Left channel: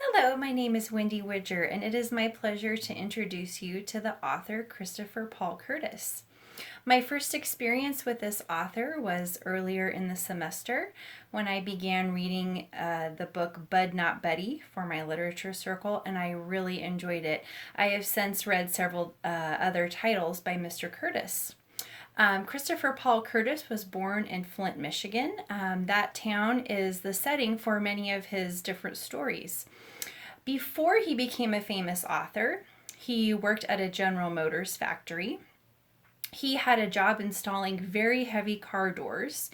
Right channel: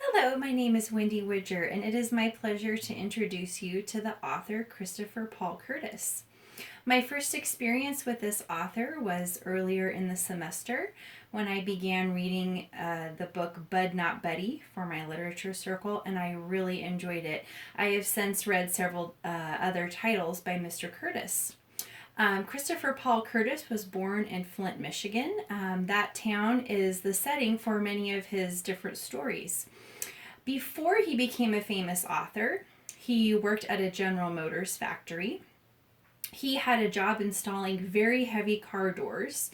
Hello, my name is Wendy Widger, and it is my pleasure to introduce you to the author Christopher Paul Curtis. My first experience with this author was earlier in the semester when I began reading the book Bud Not Buddy for my literature circle, and I really enjoyed it. I have since read several other titles by Mr. Curtis. Christopher Paul Curtis was born in Flint, Michigan. That town is the setting for many of his different stories. Before he became a famous author, he worked at a General Motors factory. He had a job installing very heavy car doors,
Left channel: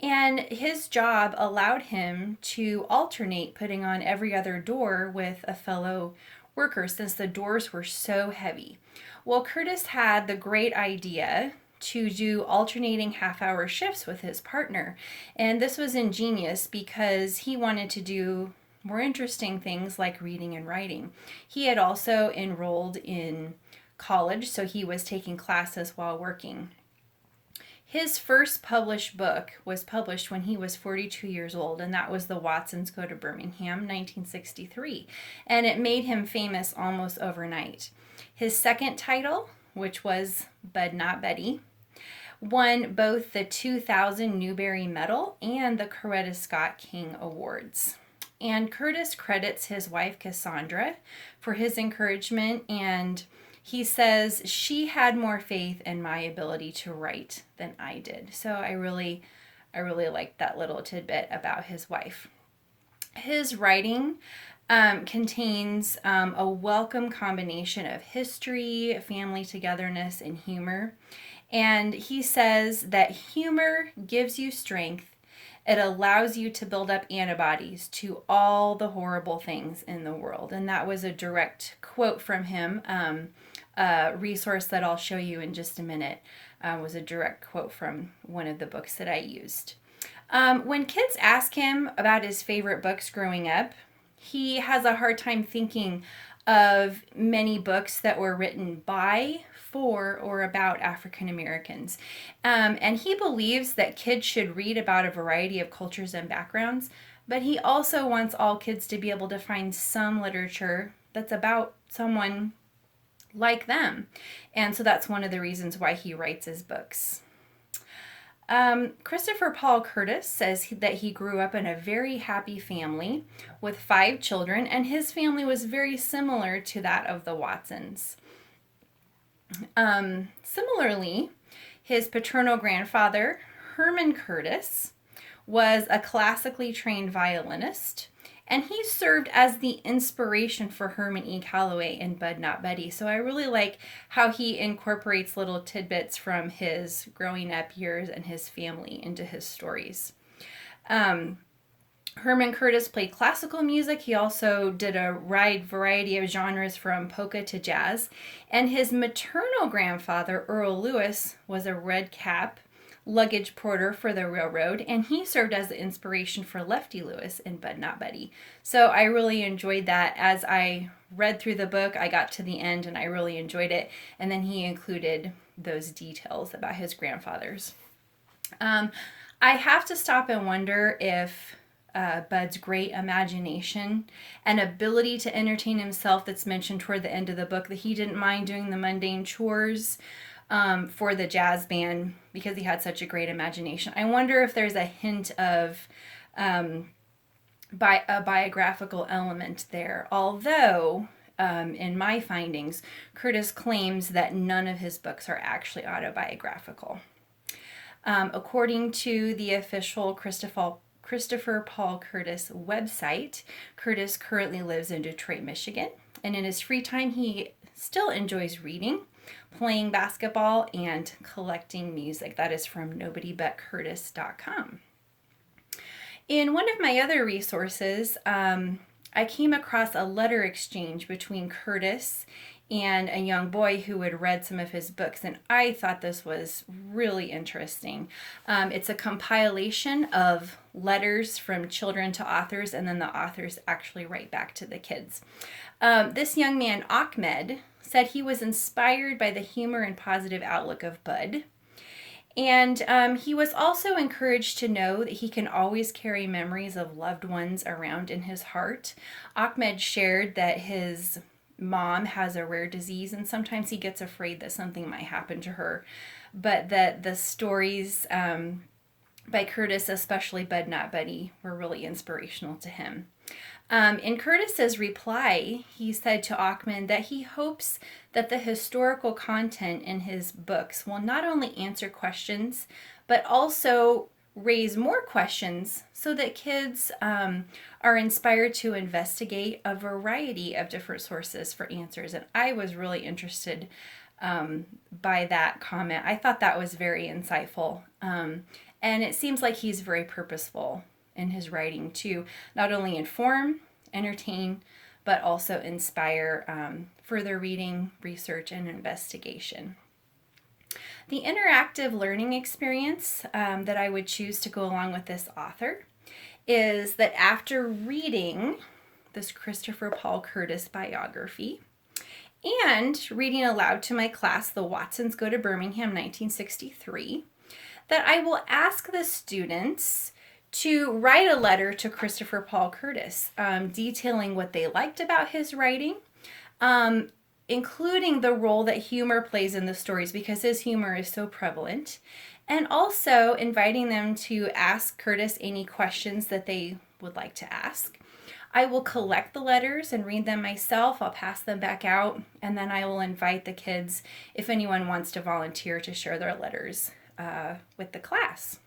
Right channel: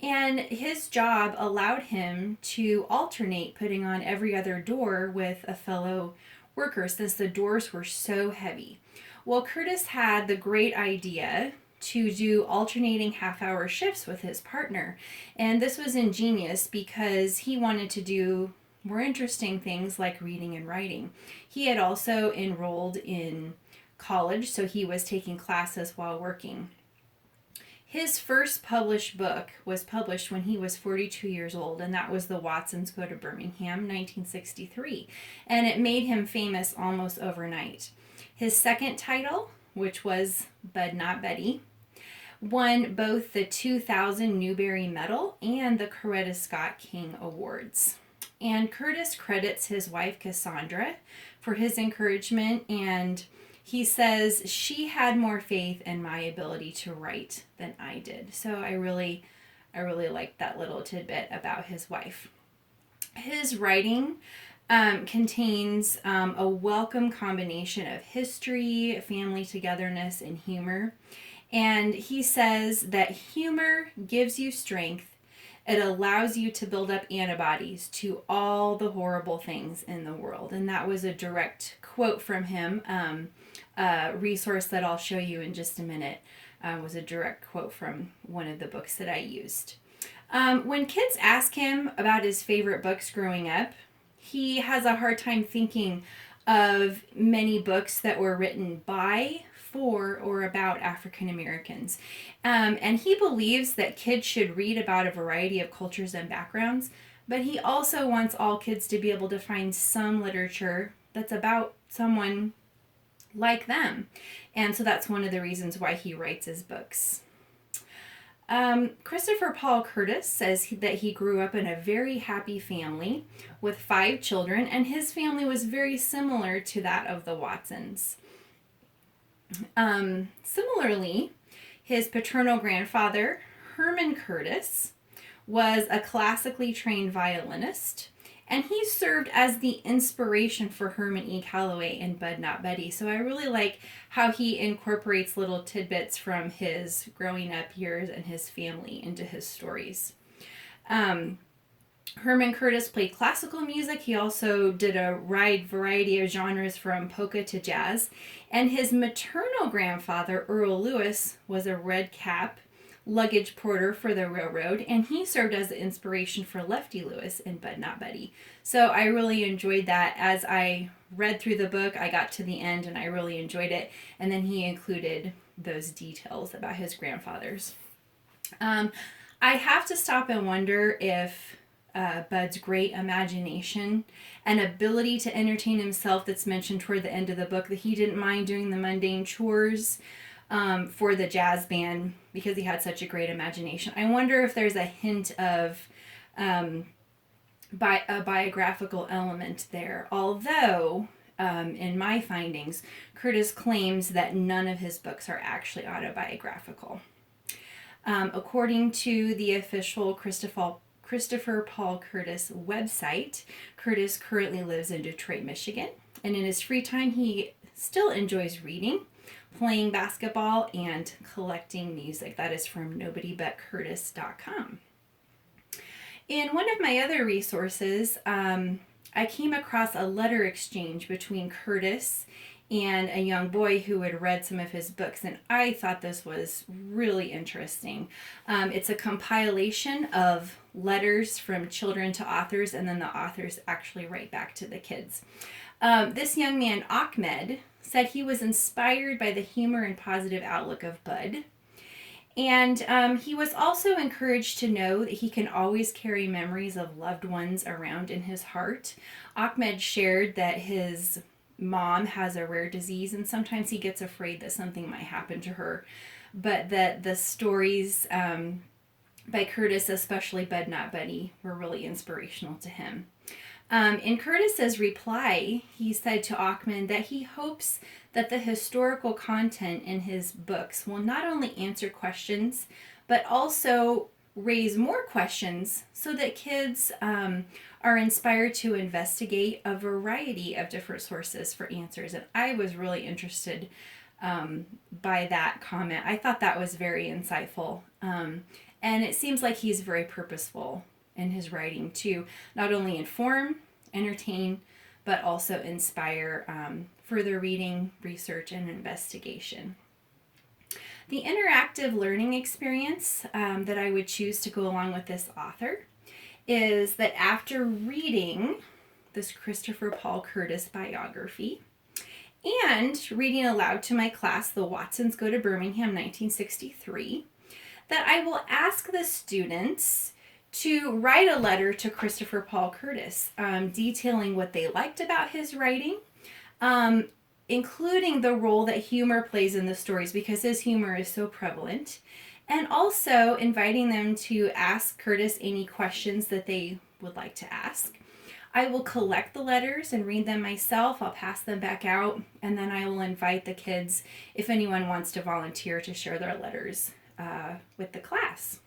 and his job allowed him to alternate putting on every other door with a fellow worker since the doors were so heavy. Well, Curtis had the great idea to do alternating half-hour shifts with his partner, and this was ingenious because he wanted to do more interesting things like reading and writing. He had also enrolled in college, so he was taking classes while working. His first published book was published when he was 42 years old, and that was The Watsons Go to Birmingham, 1963. And it made him famous almost overnight. His second title, which was Bud Not Betty, won both the 2000 Newbery Medal and the Coretta Scott King Awards. And Curtis credits his wife Cassandra for his encouragement, and he says she had more faith in my ability to write than I did. So I really liked that little tidbit about his wife. His writing contains a welcome combination of history, family togetherness, and humor. And he says that humor gives you strength. It allows you to build up antibodies to all the horrible things in the world. And that was a direct quote from him. A resource that I'll show you in just a minute was a direct quote from one of the books that I used. When kids ask him about his favorite books growing up, he has a hard time thinking of many books that were written by, for, or about African Americans. And he believes that kids should read about a variety of cultures and backgrounds, but he also wants all kids to be able to find some literature that's about someone like them. And so that's one of the reasons why he writes his books. Christopher Paul Curtis says that he grew up in a very happy family with 5 children, and his family was very similar to that of the Watsons. Similarly, his paternal grandfather, Herman Curtis, was a classically trained violinist, and he served as the inspiration for Herman E. Calloway in Bud Not Betty. So I really like how he incorporates little tidbits from his growing up years and his family into his stories. Herman Curtis played classical music. He also did a wide variety of genres from polka to jazz. And his maternal grandfather, Earl Lewis, was a red cap luggage porter for the railroad, and he served as the inspiration for Lefty Lewis in Bud Not Betty. So I really enjoyed that. As I read through the book, I got to the end and I really enjoyed it. And then he included those details about his grandfathers. I have to stop and wonder if Bud's great imagination and ability to entertain himself that's mentioned toward the end of the book, that he didn't mind doing the mundane chores for the jazz band because he had such a great imagination. I wonder if there's a hint of a biographical element there. Although, in my findings, Curtis claims that none of his books are actually autobiographical. According to the official Christopher Paul Curtis website, Curtis currently lives in Detroit, Michigan, and in his free time he still enjoys reading, playing basketball, and collecting music. That is from nobodybutcurtis.com. In one of my other resources, I came across a letter exchange between Curtis and a young boy who had read some of his books, and I thought this was really interesting. It's a compilation of letters from children to authors, and then the authors actually write back to the kids. This young man, Ahmed, said he was inspired by the humor and positive outlook of Bud, And he was also encouraged to know that he can always carry memories of loved ones around in his heart. Ahmed shared that his mom has a rare disease, and sometimes he gets afraid that something might happen to her, but that the stories by Curtis, especially Bud Not Buddy, were really inspirational to him. In Curtis's reply, he said to Ahmed that he hopes that the historical content in his books will not only answer questions, but also raise more questions so that kids are inspired to investigate a variety of different sources for answers. And I was really interested by that comment. I thought that was very insightful. And it seems like he's very purposeful in his writing to not only inform, entertain, but also inspire further reading, research, and investigation. The interactive learning experience that I would choose to go along with this author is that after reading this Christopher Paul Curtis biography and reading aloud to my class, The Watsons Go to Birmingham, 1963, that I will ask the students to write a letter to Christopher Paul Curtis, detailing what they liked about his writing, including the role that humor plays in the stories because his humor is so prevalent, and also inviting them to ask Curtis any questions that they would like to ask. I will collect the letters and read them myself. I'll pass them back out, and then I will invite the kids, if anyone wants to volunteer, to share their letters with the class.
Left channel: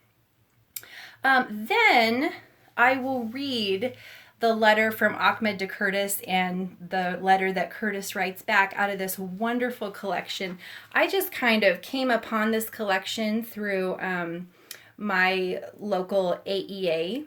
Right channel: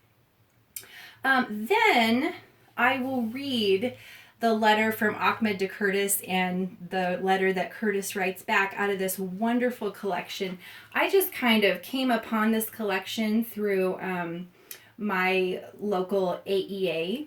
Then I will read the letter from Ahmed to Curtis and the letter that Curtis writes back out of this wonderful collection. I just kind of came upon this collection through my local AEA,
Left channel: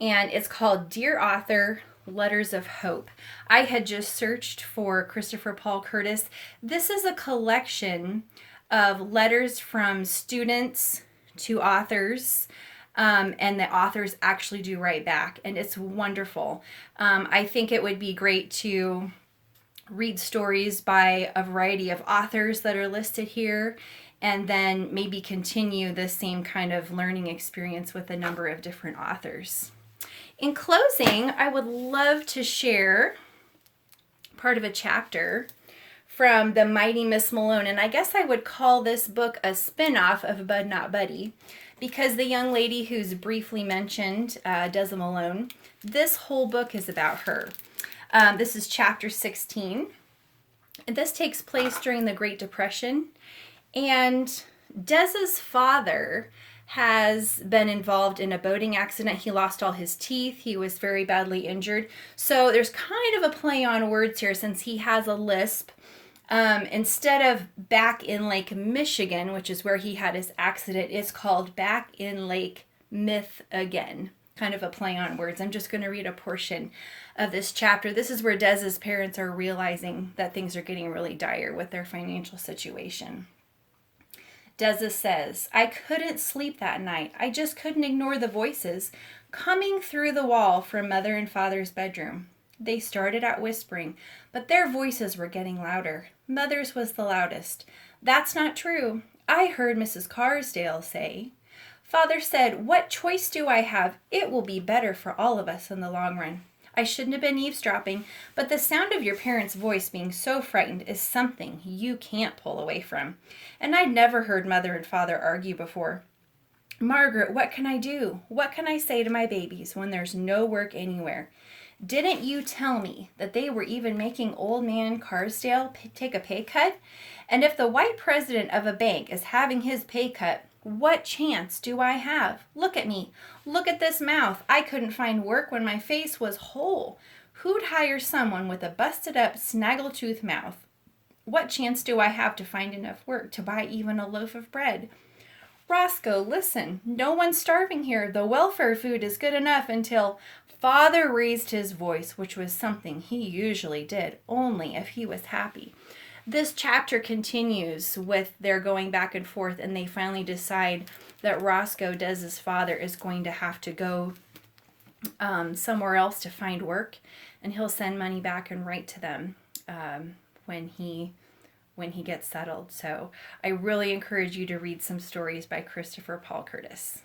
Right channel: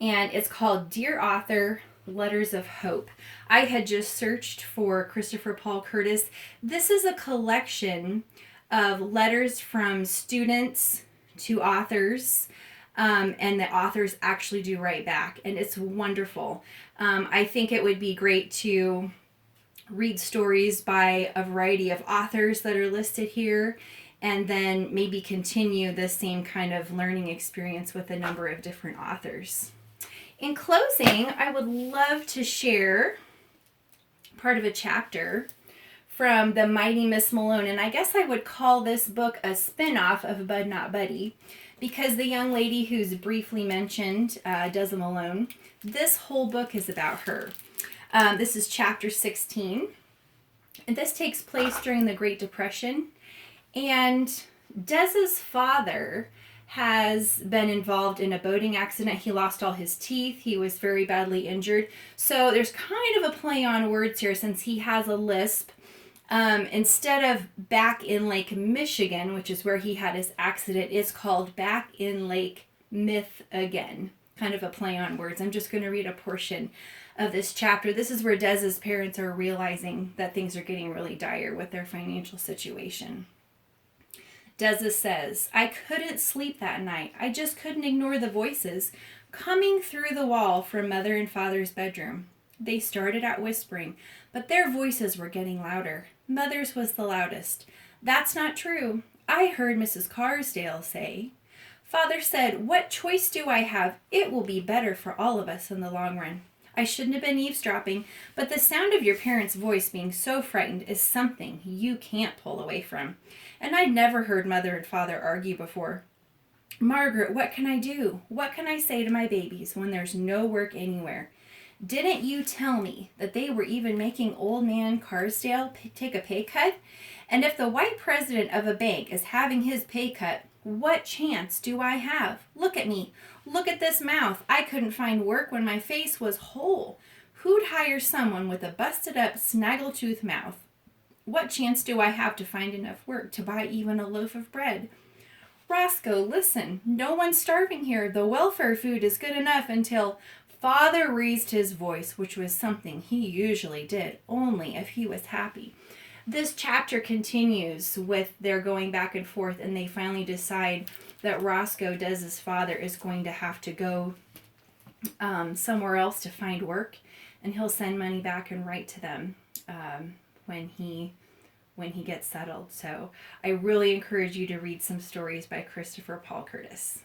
and it's called Dear Author, Letters of Hope. I had just searched for Christopher Paul Curtis. This is a collection of letters from students to authors, and the authors actually do write back, and it's wonderful. I think it would be great to read stories by a variety of authors that are listed here, and then maybe continue the same kind of learning experience with a number of different authors. In closing, I would love to share part of a chapter from The Mighty Miss Malone, and I guess I would call this book a spin-off of Bud Not Buddy, because the young lady who's briefly mentioned, Desi Malone, this whole book is about her. This is chapter 16, and this takes place during the Great Depression, and Desi's father has been involved in a boating accident. He lost all his teeth. He was very badly injured. So there's kind of a play on words here since he has a lisp. Instead of Back in Lake Michigan, which is where he had his accident, it's called Back in Lake Myth Again. Kind of a play on words. I'm just going to read a portion of this chapter. This is where Desi's parents are realizing that things are getting really dire with their financial situation. Desi says, I couldn't sleep that night. I just couldn't ignore the voices coming through the wall from Mother and Father's bedroom. They started out whispering, but their voices were getting louder. Mother's was the loudest. That's not true. I heard Mrs. Carsdale say. Father said, what choice do I have? It will be better for all of us in the long run. I shouldn't have been eavesdropping, but the sound of your parents' voice being so frightened is something you can't pull away from. And I'd never heard Mother and Father argue before. Margaret, what can I do? What can I say to my babies when there's no work anywhere? Didn't you tell me that they were even making old man Carsdale take a pay cut? And if the white president of a bank is having his pay cut, what chance do I have? Look at me. Look at this mouth. I couldn't find work when my face was whole. Who'd hire someone with a busted up snaggletooth mouth? What chance do I have to find enough work to buy even a loaf of bread? Roscoe, listen. No one's starving here. The welfare food is good enough until... Father raised his voice, which was something he usually did, only if he was happy. This chapter continues with their going back and forth, and they finally decide that Roscoe, Desi's father, is going to have to go somewhere else to find work, and he'll send money back and write to them when he when he gets settled. So I really encourage you to read some stories by Christopher Paul Curtis.